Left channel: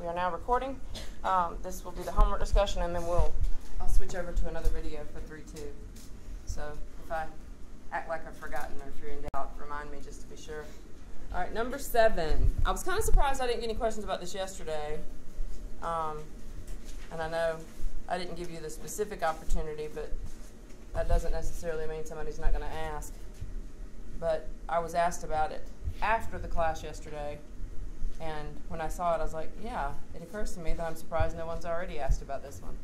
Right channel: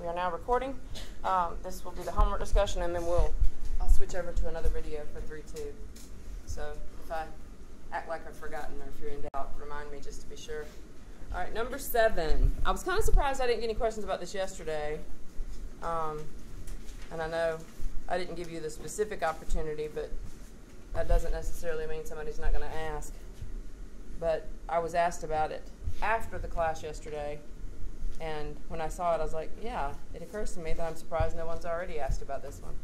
We are now recording. This will be the homework discussion, and then I'll switch over to another video for 3-2. So if I act like I've forgotten, or if you're in doubt, remind me just to be sure. All right, number 7. I was kind of surprised I didn't get any questions about this yesterday. And I know I didn't give you the specific opportunity, but that doesn't necessarily mean somebody's not going to ask. But I was asked about it after the class yesterday, and when I saw it, I was like, yeah, it occurs to me that I'm surprised no one's already asked about this one.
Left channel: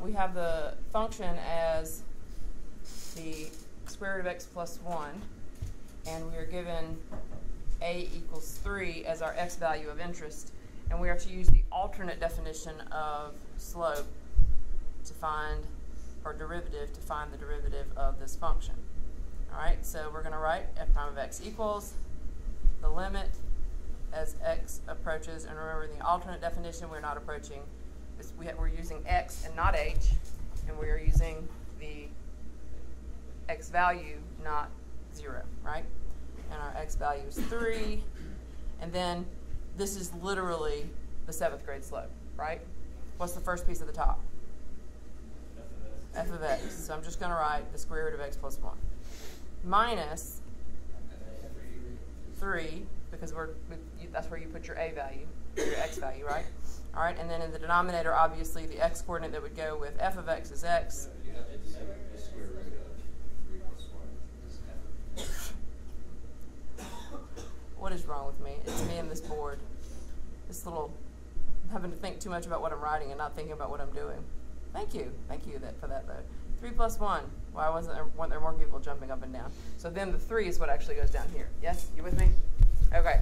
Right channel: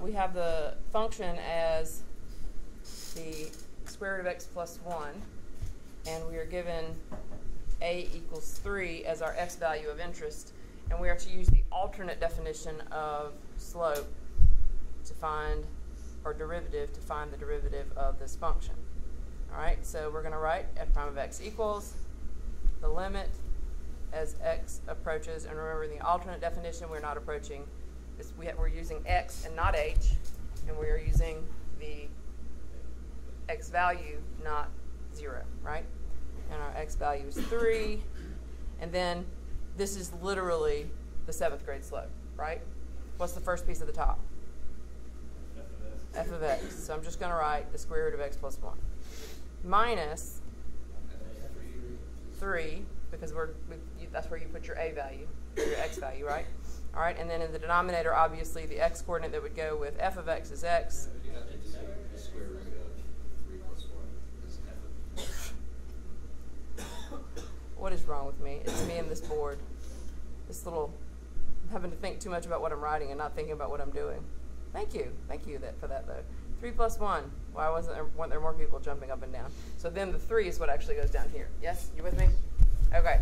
We have the function as the square root of x plus 1, and we are given a equals 3 as our x value of interest, and we are to use the alternate definition of slope to find, or derivative, to find the derivative of this function. All right, so we're going to write f prime of x equals the limit as x approaches, and remember in the alternate definition we're not approaching, we're using x and not h, and we are using the x value, not 0, right? And our x value is 3, and then this is literally the 7th grade slope, right? What's the first piece of the top? F of x. So I'm just going to write the square root of x plus 1 minus 3, because that's where you put your a value, your x value, right? All right, and then in the denominator, obviously, the x coordinate that would go with f of x is x. What is wrong with me? It's me and this board. I'm having to think too much about what I'm writing and not thinking about what I'm doing. Thank you for that though. 3 plus 1. Why weren't there more people jumping up and down? So then the 3 is what actually goes down here. Yes, you with me? Okay.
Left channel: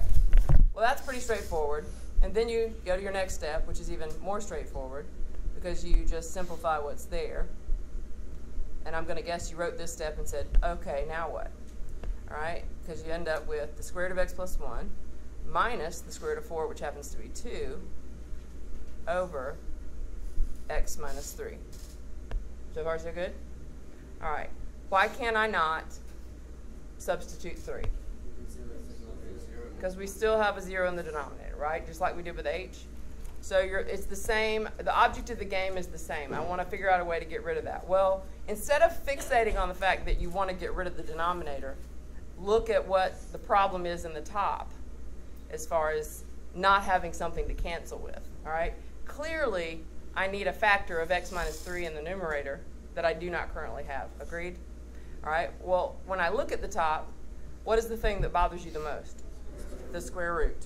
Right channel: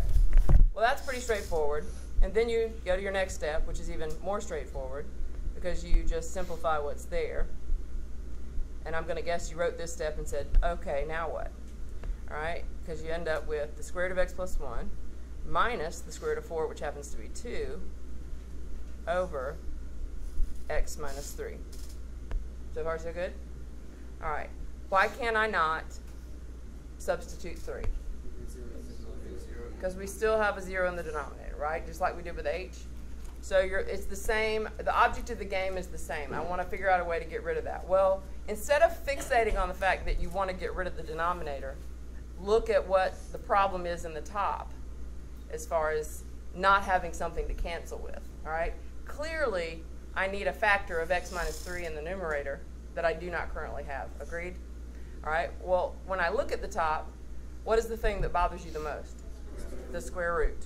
Well, that's pretty straightforward. And then you go to your next step, which is even more straightforward, because you just simplify what's there. And I'm going to guess you wrote this step and said, okay, now what? All right, because you end up with the square root of x plus 1 minus the square root of 4, which happens to be 2, over x minus 3. So far, so good? All right. Why can't I not substitute 3? Because we still have a 0 in the denominator, right? Just like we did with h. So it's the same. The object of the game is the same. I want to figure out a way to get rid of that. Well, instead of fixating on the fact that you want to get rid of the denominator, look at what the problem is in the top as far as not having something to cancel with, all right? Clearly, I need a factor of x minus 3 in the numerator that I do not currently have. Agreed? All right, well, when I look at the top, what is the thing that bothers you the most? The square root.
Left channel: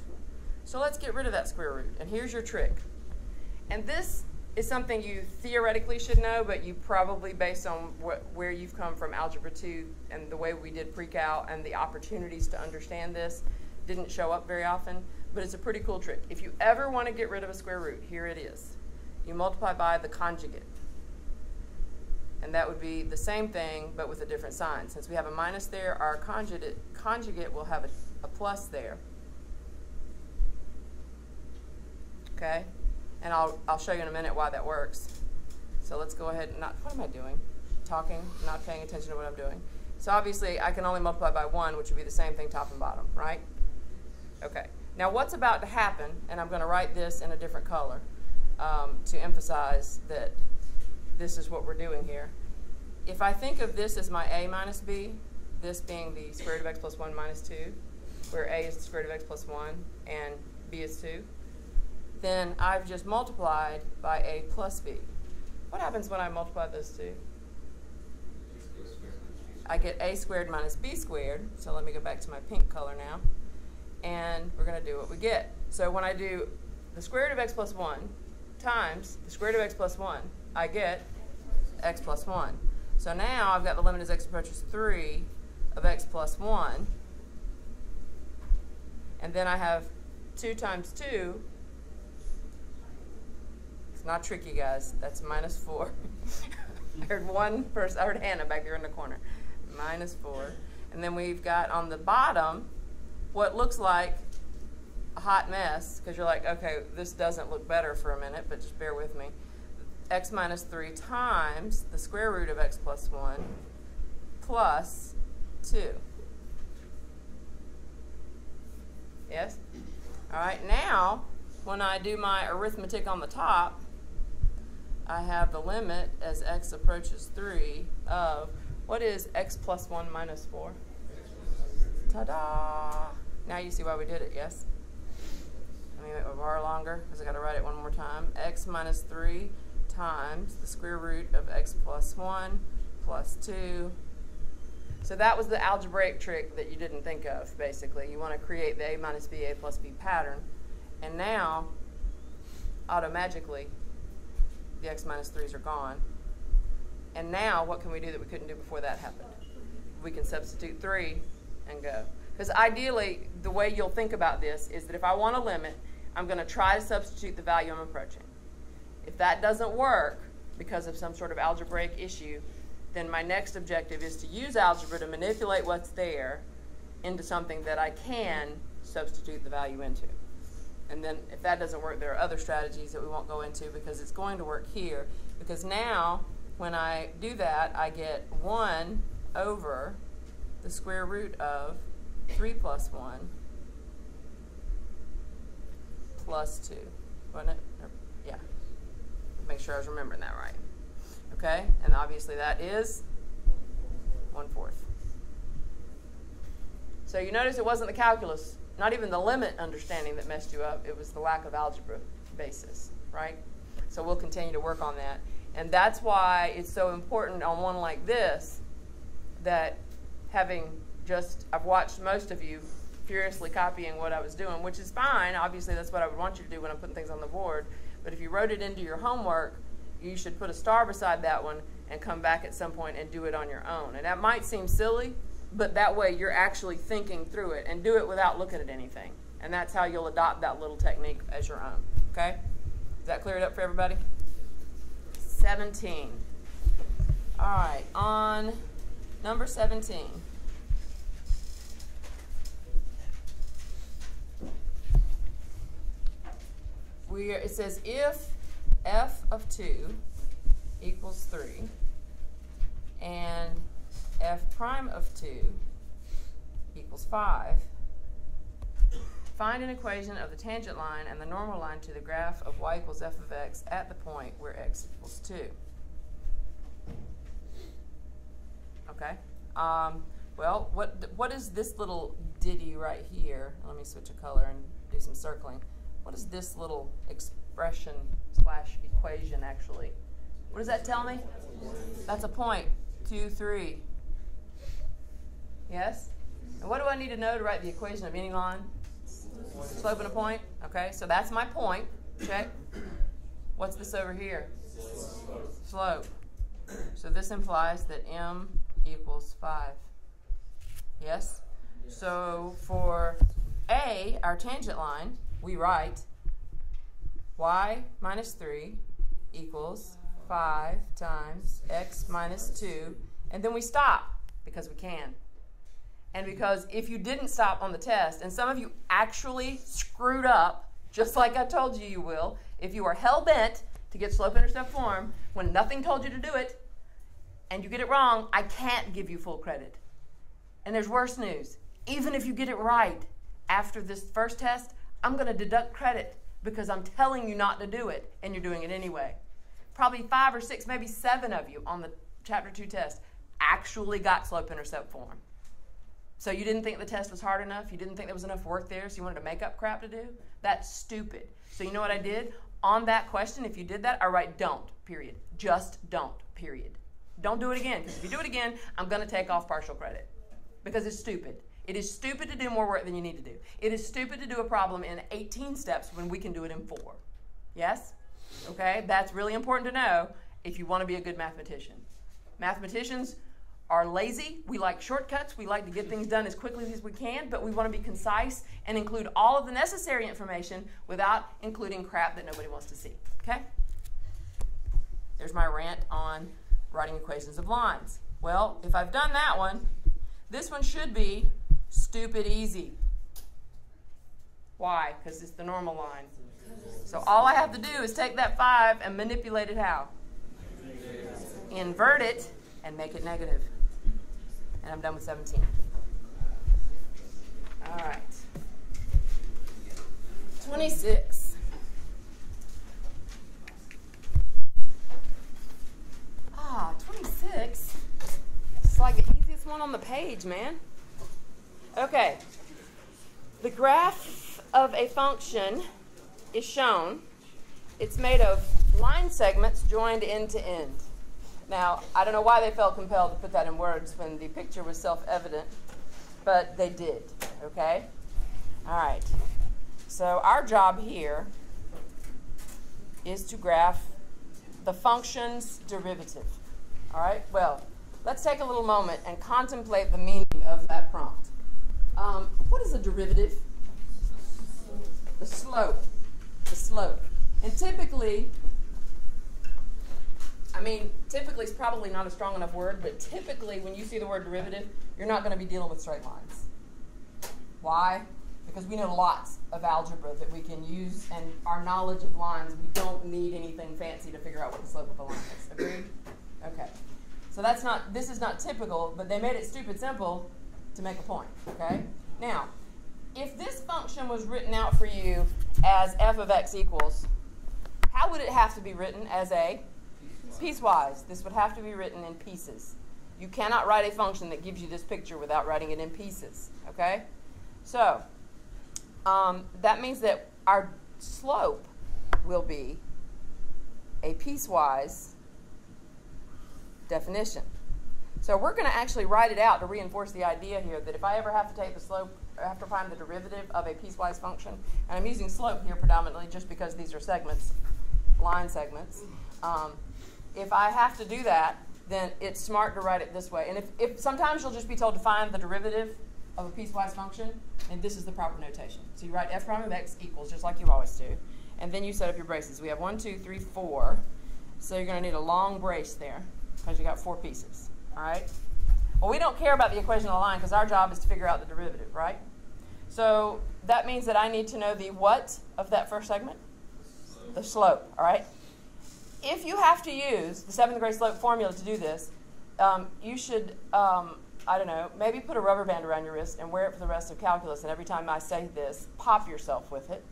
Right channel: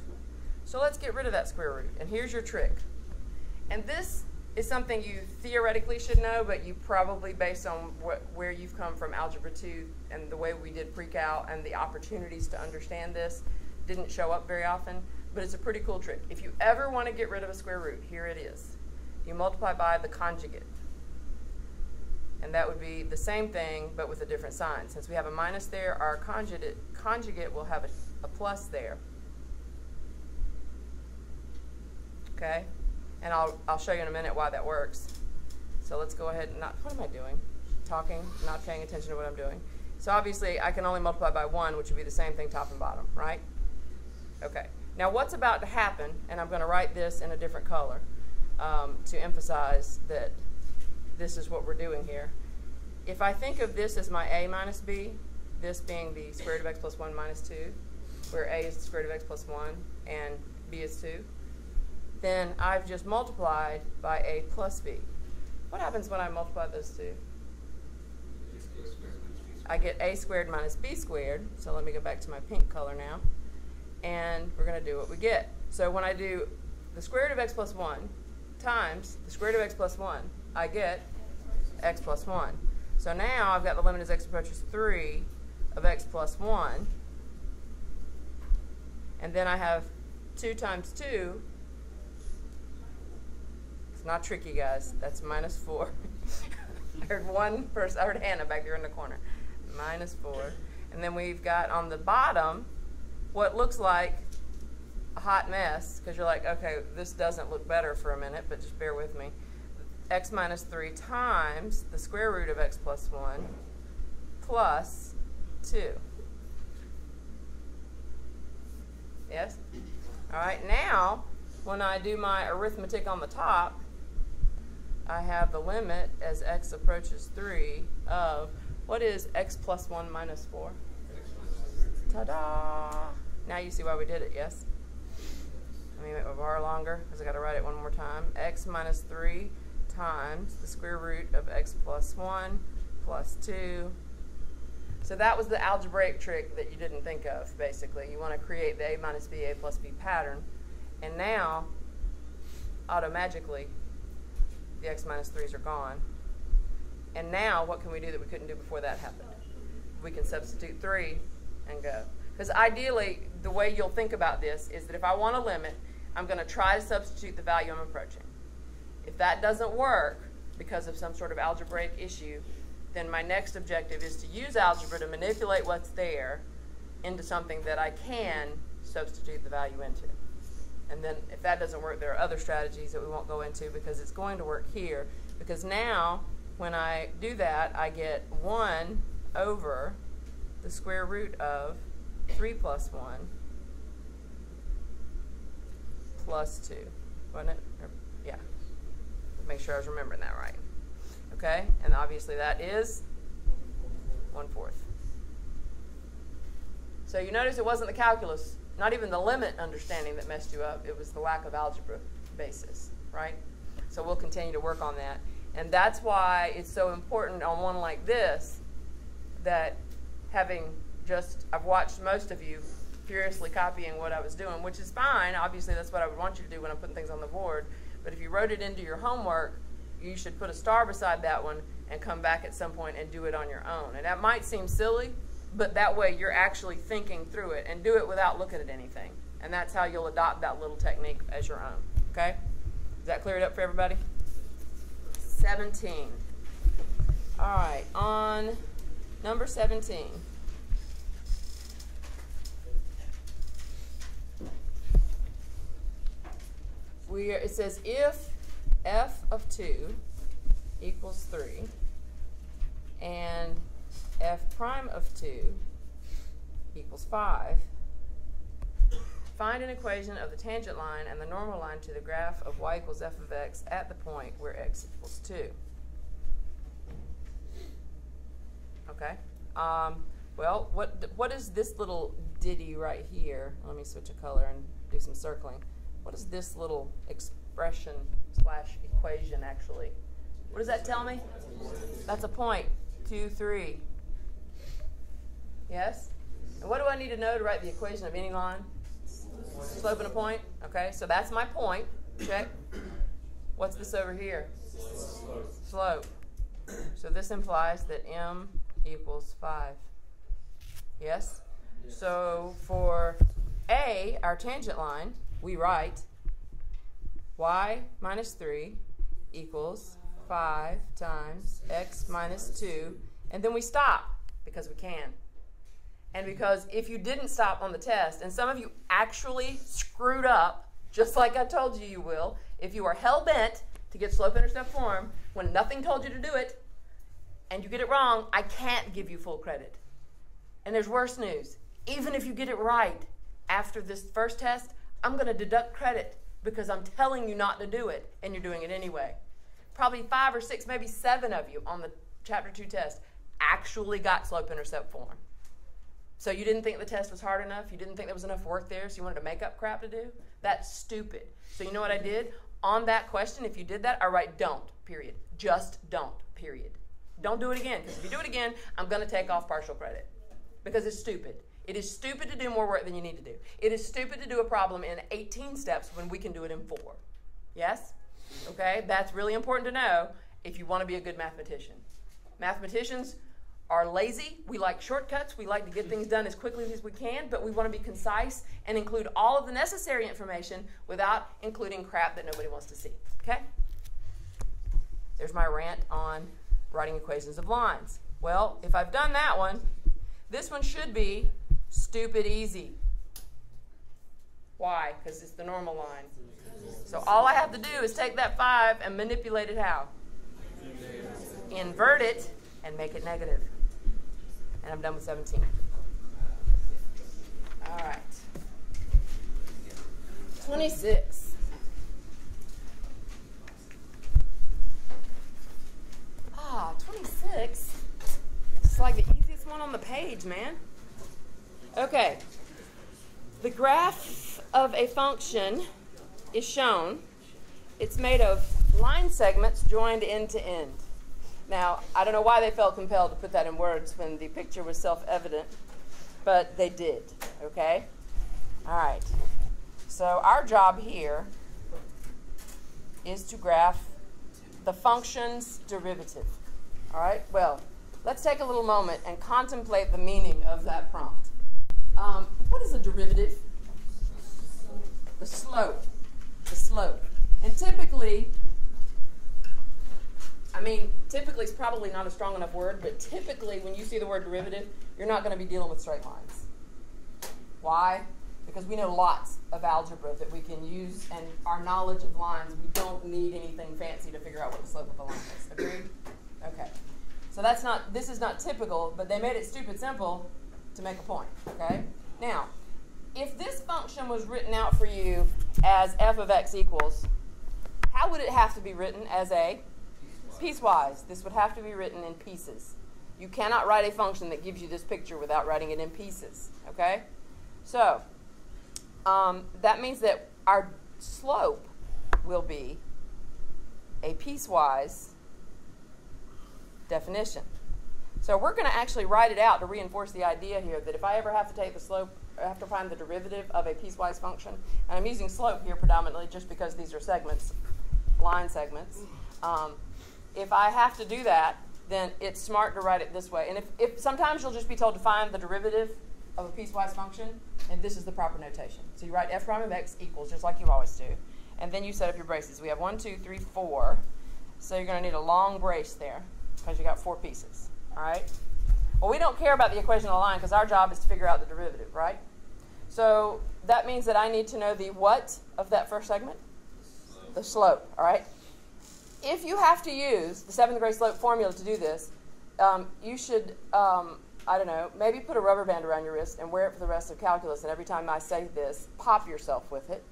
So let's get rid of that square root, and here's your trick. And this is something you theoretically should know, but you probably, based on where you've come from Algebra 2 and the way we did pre-cal and the opportunities to understand this, didn't show up very often, but it's a pretty cool trick. If you ever want to get rid of a square root, here it is. You multiply by the conjugate. And that would be the same thing, but with a different sign. Since we have a minus there, our conjugate will have a plus there. Okay? And I'll show you in a minute why that works. So let's go ahead and what am I doing? Talking, not paying attention to what I'm doing. So obviously, I can only multiply by 1, which would be the same thing top and bottom, right? Okay. Now what's about to happen, and I'm going to write this in a different color to emphasize that this is what we're doing here. If I think of this as my a minus b, this being the square root of x plus 1 minus 2, where a is the square root of x plus 1 and b is 2, then I've just multiplied by a plus b. What happens when I multiply those two? I get a squared minus b squared. So let me go back to my pink color now. And we're going to do what we get. So when I do the square root of x plus 1 times the square root of x plus 1, I get x plus 1. So now I've got the limit as x approaches 3 of x plus 1. And then I have 2 times 2. It's not tricky, guys. That's minus 4. I heard Hannah back there in the corner. Minus 4. And then we've got on the bottom what looks like a hot mess, because you're like, okay, this doesn't look better for a minute, but just bear with me. X minus 3 times the square root of x plus 1 plus 2. Yes? All right, now when I do my arithmetic on the top, I have the limit as x approaches 3 of, what is x plus 1 minus 4? Ta-da! Now you see why we did it, yes? Let me make my bar longer because I got to write it one more time. X minus 3 times the square root of x plus 1 plus 2. So that was the algebraic trick that you didn't think of, basically. You want to create the a minus b, a plus b pattern. And now, automagically, the x minus 3's are gone. And now, what can we do that we couldn't do before that happened? We can substitute 3 and go. Because ideally, the way you'll think about this is that if I want a limit, I'm going to try to substitute the value I'm approaching. If that doesn't work because of some sort of algebraic issue, then my next objective is to use algebra to manipulate what's there into something that I can substitute the value into. And then if that doesn't work, there are other strategies that we won't go into because it's going to work here. Because now, when I do that, I get 1 over the square root of 3 plus 1 plus 2. Wasn't it? Yeah. Make sure I was remembering that right. Okay? And obviously that is 1/4. So you notice it wasn't the calculus, not even the limit understanding that messed you up. It was the lack of algebra basis, right? So we'll continue to work on that. And that's why it's so important on one like this that having just, I've watched most of you furiously copying what I was doing, which is fine. Obviously, that's what I would want you to do when I'm putting things on the board. But if you wrote it into your homework, you should put a star beside that one and come back at some point and do it on your own. And that might seem silly, but that way you're actually thinking through it, and do it without looking at anything. And that's how you'll adopt that little technique as your own. Okay? Does that clear it up for everybody? 17. All right, on number 17. It says if f of 2 equals 3 and f prime of 2 equals 5, find an equation of the tangent line and the normal line to the graph of y equals f of x at the point where x equals 2. Okay. Well, what is this little ditty right here? Let me switch a color and do some circling. What is this little expression / equation actually? What does that tell me? That's a point. 2, 3. Yes? And what do I need to know to write the equation of any line? Slope and a point? Okay, so that's my point. Check. What's this over here? Slope. So this implies that m equals 5. Yes? So for A, our tangent line, we write y minus 3 equals 5 times x minus 2, and then we stop because we can. And because if you didn't stop on the test, and some of you actually screwed up, just like I told you you will, if you are hell-bent to get slope-intercept form when nothing told you to do it, and you get it wrong, I can't give you full credit. And there's worse news. Even if you get it right after this first test, I'm going to deduct credit because I'm telling you not to do it, and you're doing it anyway. Probably 5 or 6, maybe 7 of you on the Chapter 2 test actually got slope-intercept form. So you didn't think the test was hard enough? You didn't think there was enough work there, so you wanted to make up crap to do? That's stupid. So you know what I did? On that question, if you did that, I write don't, period. Just don't, period. Don't do it again, because if you do it again, I'm going to take off partial credit because it's stupid. It is stupid to do more work than you need to do. It is stupid to do a problem in 18 steps when we can do it in 4. Yes? Okay? That's really important to know if you want to be a good mathematician. Mathematicians are lazy. We like shortcuts. We like to get things done as quickly as we can, but we want to be concise and include all of the necessary information without including crap that nobody wants to see. Okay? There's my rant on writing equations of lines. Well, if I've done that one, this one should be stupid easy. Why? Because it's the normal line. So all I have to do is take that 5 and manipulate it how? Invert it and make it negative. And I'm done with 17. All right. 26. page, man. Okay. The graph of a function is shown. It's made of line segments joined end to end. Now, I don't know why they felt compelled to put that in words when the picture was self-evident, but they did, okay? All right. So our job here is to graph the function's derivative. All right? Well, let's take a little moment and contemplate the meaning of that prompt. What is a derivative? The slope. The slope. And typically is probably not a strong enough word, but typically when you see the word derivative, you're not going to be dealing with straight lines. Why? Because we know lots of algebra that we can use, and our knowledge of lines, we don't need anything fancy to figure out what the slope of a line is. Agreed? Okay. So this is not typical, but they made it stupid simple to make a point. Okay? Now, if this function was written out for you as f of x equals, how would it have to be written? As a piecewise. This would have to be written in pieces. You cannot write a function that gives you this picture without writing it in pieces. Okay? So, that means that our slope will be a piecewise definition. So we're going to actually write it out to reinforce the idea here that if I ever have to take the slope, I have to find the derivative of a piecewise function, and I'm using slope here predominantly just because these are segments, line segments. If I have to do that, then it's smart to write it this way. And if sometimes you'll just be told to find the derivative of a piecewise function, and this is the proper notation. So you write f prime of x equals, just like you always do, and then you set up your braces. We have 1, 2, 3, 4. So you're going to need a long brace there because you got 4 pieces. All right? Well, we don't care about the equation of the line because our job is to figure out the derivative, right? So that means that I need to know the what of that first segment? The slope, all right? If you have to use the 7th grade slope formula to do this, you should, I don't know, maybe put a rubber band around your wrist and wear it for the rest of calculus, and every time I say this, pop yourself with it.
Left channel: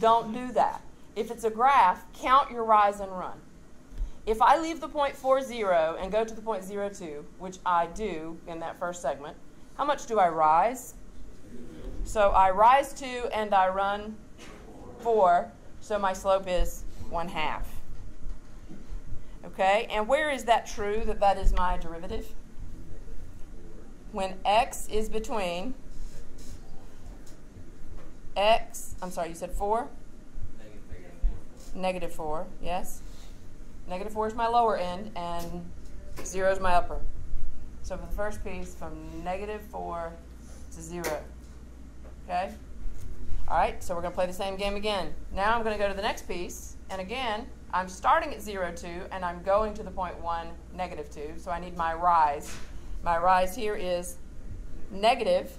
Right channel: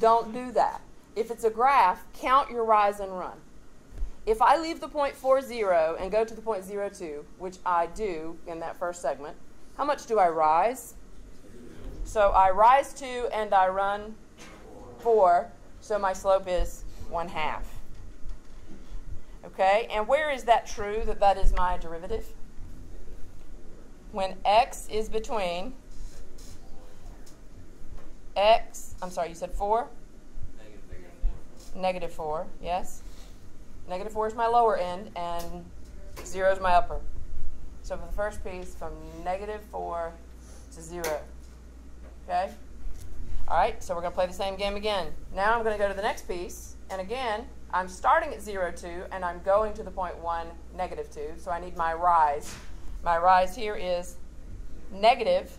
Don't do that. If it's a graph, count your rise and run. If I leave the point 40 and go to the point 02, which I do in that first segment, how much do I rise? So I rise 2 and I run 4, so my slope is 1/2. Okay, and where is that true that that is my derivative? When x is between x, I'm sorry, you said 4? Negative 4, yes. Negative 4 is my lower end, and 0 is my upper. So for the first piece, from negative 4 to 0. Okay? All right, so we're going to play the same game again. Now I'm going to go to the next piece, and again, I'm starting at 0, 2, and I'm going to the point 1, negative 2, so I need my rise. My rise here is negative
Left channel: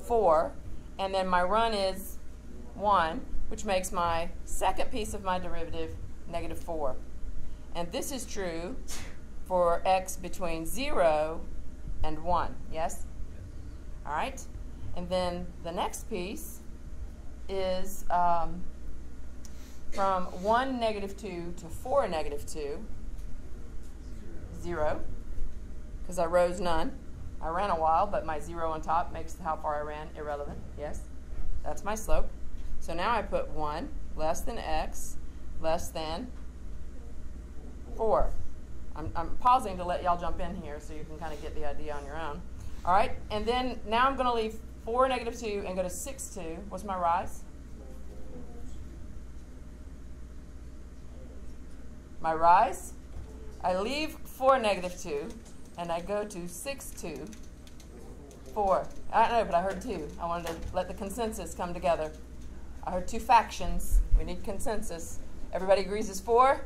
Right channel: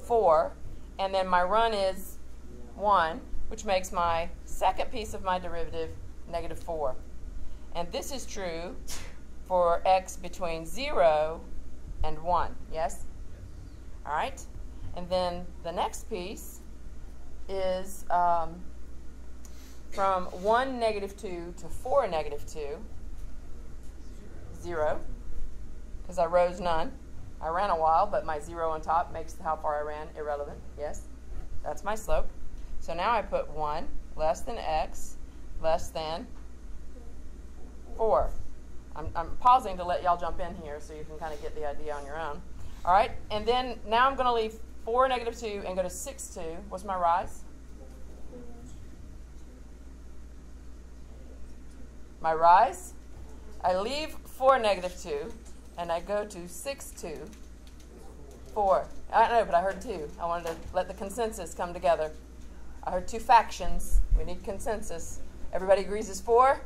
4, and then my run is 1, which makes my second piece of my derivative negative 4. And this is true for x between 0 and 1, yes? All right? And then the next piece is from 1, negative 2 to 4, negative 2, 0, because I rose none. I ran a while, but my 0 on top makes how far I ran irrelevant, yes? That's my slope. So now I put 1 less than x less than 4. I'm pausing to let y'all jump in here so you can kind of get the idea on your own. All right, and then now I'm going to leave 4, negative 2 and go to 6, 2. What's my rise? My rise, I leave 4, negative 2, and I go to 6, 2, 4. I don't know, but I heard 2. I wanted to let the consensus come together. I heard 2 factions. We need consensus. Everybody agrees it's 4?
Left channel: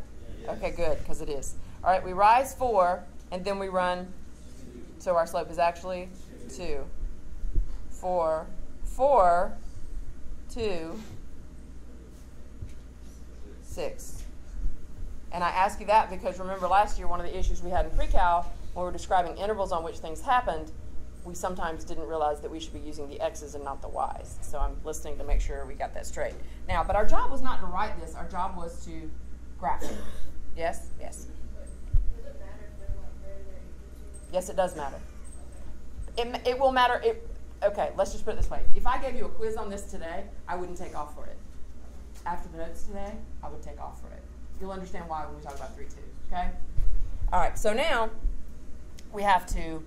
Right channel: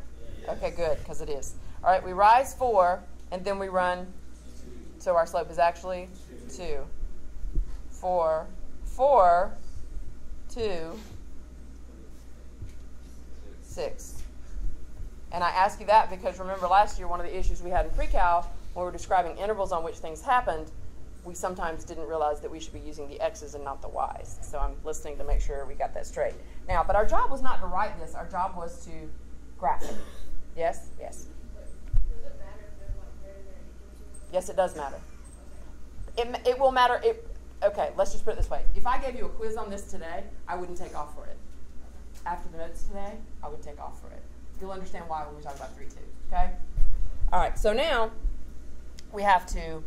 Okay, good, because it is. All right, we rise 4, and then we run. So our slope is actually 2. 4, 4, 2, 6. And I ask you that because remember last year one of the issues we had in pre-cal when we were describing intervals on which things happened, we sometimes didn't realize that we should be using the x's and not the y's. So I'm listening to make sure we got that straight. Now, but our job was not to write this. Our job was to graph it. Yes? Yes. Does it matter if they're like very equal to? Yes, it does matter. It will matter. Okay, let's just put it this way. If I gave you a quiz on this today, I wouldn't take off for it. After the notes today, I would take off for it. You'll understand why when we talk about 3-2, okay? All right, so now we have to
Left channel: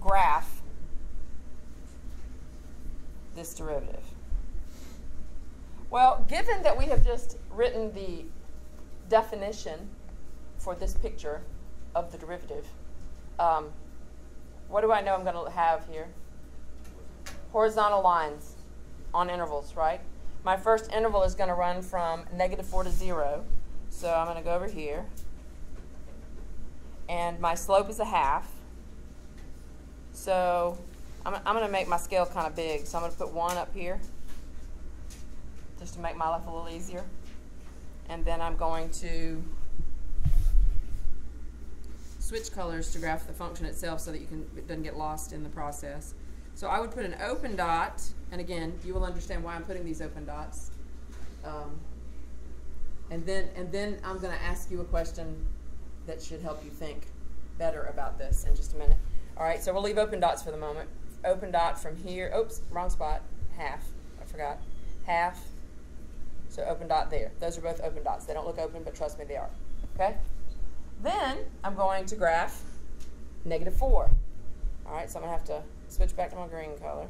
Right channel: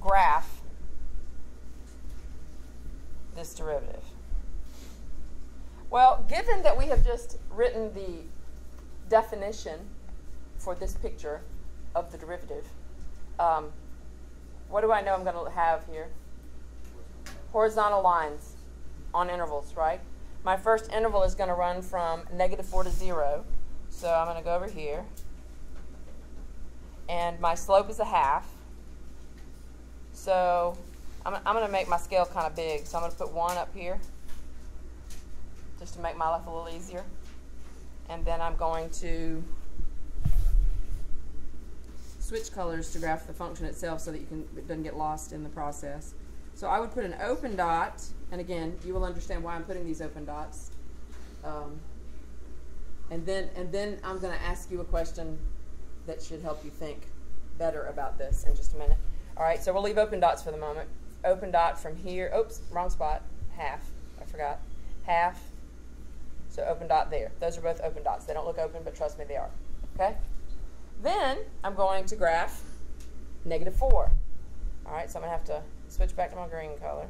graph this derivative. Well, given that we have just written the definition for this picture of the derivative, what do I know I'm going to have here? Horizontal lines on intervals, right? My first interval is going to run from -4 to 0. So I'm going to go over here. And my slope is 1/2. So I'm going to make my scale kind of big. So I'm going to put 1 up here just to make my life a little easier. And then I'm going to switch colors to graph the function itself so that it doesn't get lost in the process. So I would put an open dot, and again, you will understand why I'm putting these open dots. And then I'm going to ask you a question that should help you think better about this in just a minute. All right, so we'll leave open dots for the moment. Open dot from here. Oops, wrong spot. 1/2. I forgot. 1/2. So open dot there. Those are both open dots. They don't look open, but trust me, they are. Okay? Then I'm going to graph -4. All right, so I'm going to have to switch back to my green color.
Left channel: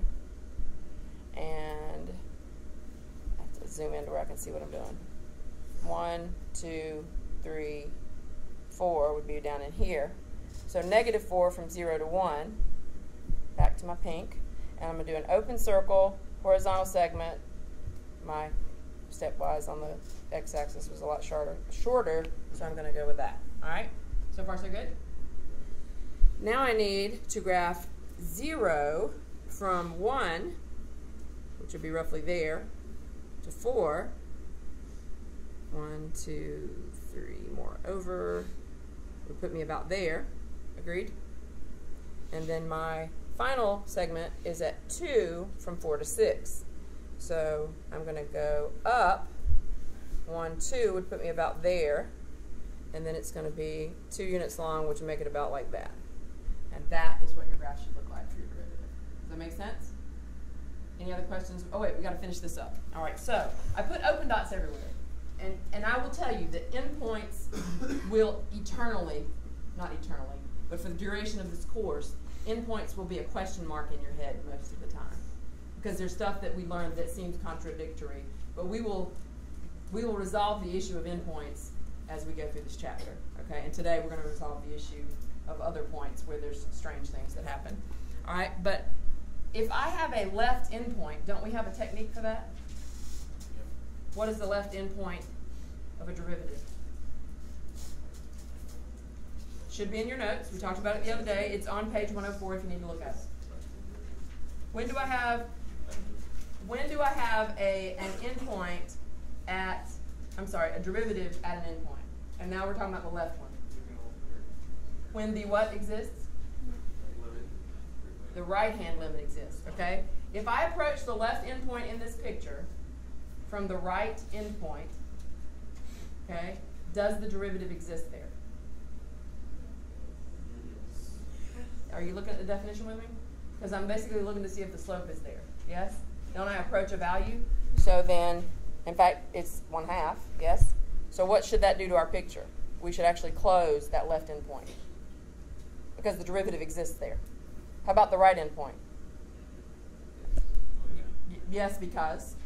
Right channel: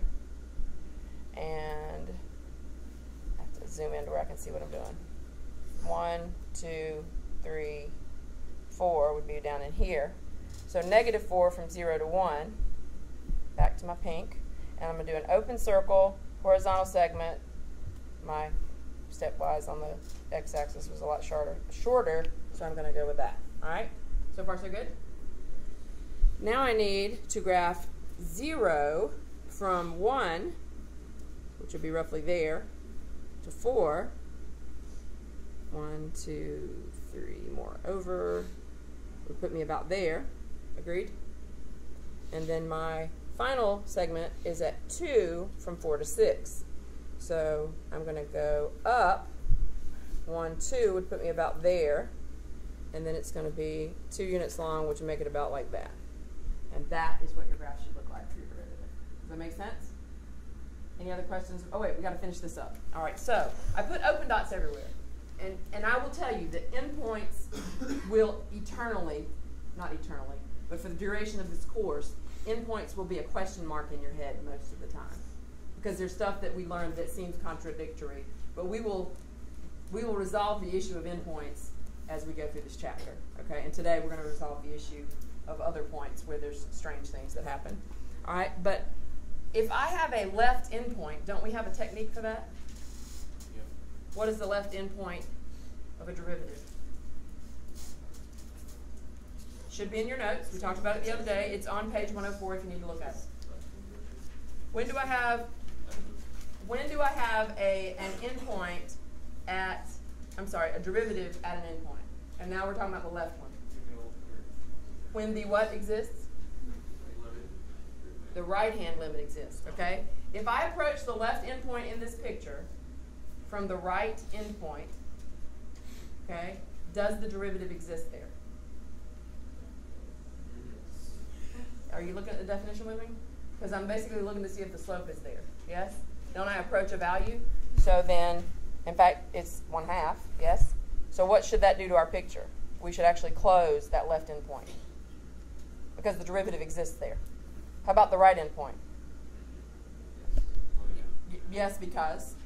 And I have to zoom in to where I can see what I'm doing. 1, 2, 3, 4 would be down in here. So -4 from 0 to 1. Back to my pink. And I'm going to do an open circle, horizontal segment. My stepwise on the x-axis was a lot shorter, so I'm going to go with that. All right? So far, so good? Now I need to graph 0 from 1, which would be roughly there, to 4. 1, 2, 3 more over. Would put me about there. Agreed? And then my final segment is at 2 from 4 to 6. So I'm going to go up. 1, 2 would put me about there. And then it's going to be 2 units long, which would make it about like that. And that is what your graph should look like for your derivative. Does that make sense? Any other questions? Oh, wait, we got to finish this up. All right, so I put open dots everywhere. And I will tell you that endpoints will eternally, not eternally, but for the duration of this course, endpoints will be a question mark in your head most of the time. Because there's stuff that we learned that seems contradictory. But we will resolve the issue of endpoints as we go through this chapter. Okay? And today we're going to resolve the issue of other points where there's strange things that happen. All right? But if I have a left endpoint, don't we have a technique for that? Yep. What is the left endpoint of a derivative? Should be in your notes. We talked about it the other day. It's on page 104 if you need to look at it. When do I have an endpoint at, a derivative at an endpoint? And now we're talking about the left one. When the what exists? The right-hand limit exists, okay? If I approach the left endpoint in this picture from the right endpoint, okay, does the derivative exist there? Are you looking at the definition with me? Because I'm basically looking to see if the slope is there. Yes? Don't I approach a value? So then, in fact, it's 1/2, yes? So what should that do to our picture? We should actually close that left endpoint because the derivative exists there. How about the right endpoint? Yes, because?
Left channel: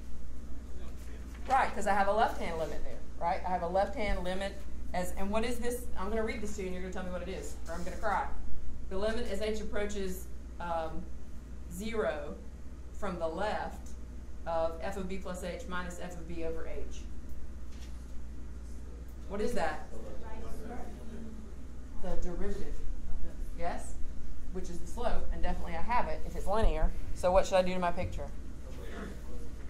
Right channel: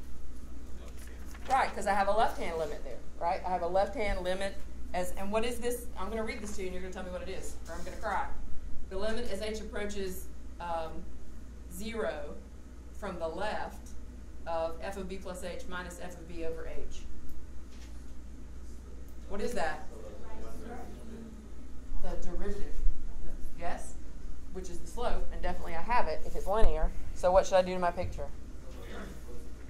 Right, because I have a left-hand limit there, right? I have a left-hand limit and what is this? I'm going to read this to you and you're going to tell me what it is, or I'm going to cry. The limit as h approaches 0 from the left of f of b plus h minus f of b over h. What is that? The derivative. Yes? Which is the slope, and definitely I have it if it's linear. So what should I do to my picture?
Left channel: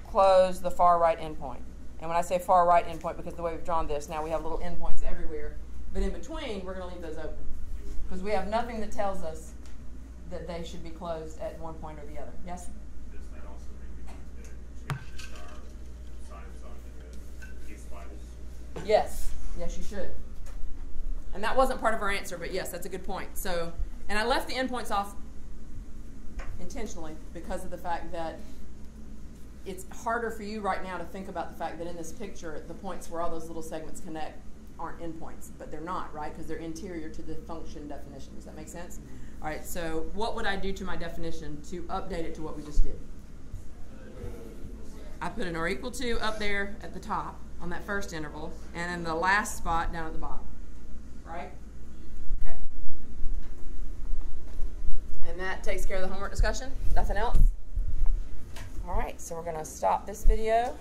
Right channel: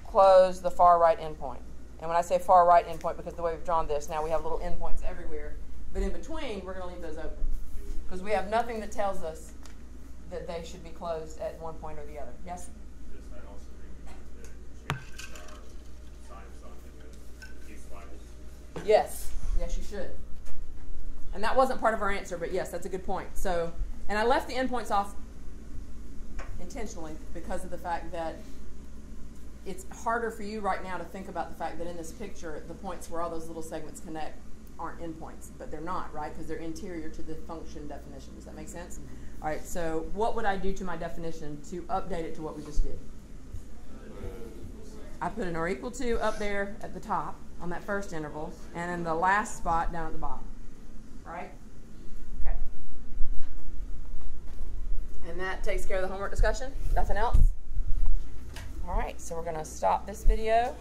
Close the far right endpoint. And when I say far right endpoint, because the way we've drawn this, now we have little endpoints everywhere. But in between, we're going to leave those open. Because we have nothing that tells us that they should be closed at one point or the other. Yes? Does that also mean to change the star sign of something with these slides? Yes. Yes, you should. And that wasn't part of our answer, but yes, that's a good point. So, and I left the endpoints off intentionally, because of the fact that it's harder for you right now to think about the fact that in this picture, the points where all those little segments connect aren't endpoints, but they're not, right? Because they're interior to the function definition. Does that make sense? All right, so what would I do to my definition to update it to what we just did? I put an or equal to up there at the top on that first interval, and in the last spot down at the bottom, right? Okay. And that takes care of the homework discussion? Nothing else? All right, so we're going to stop this video.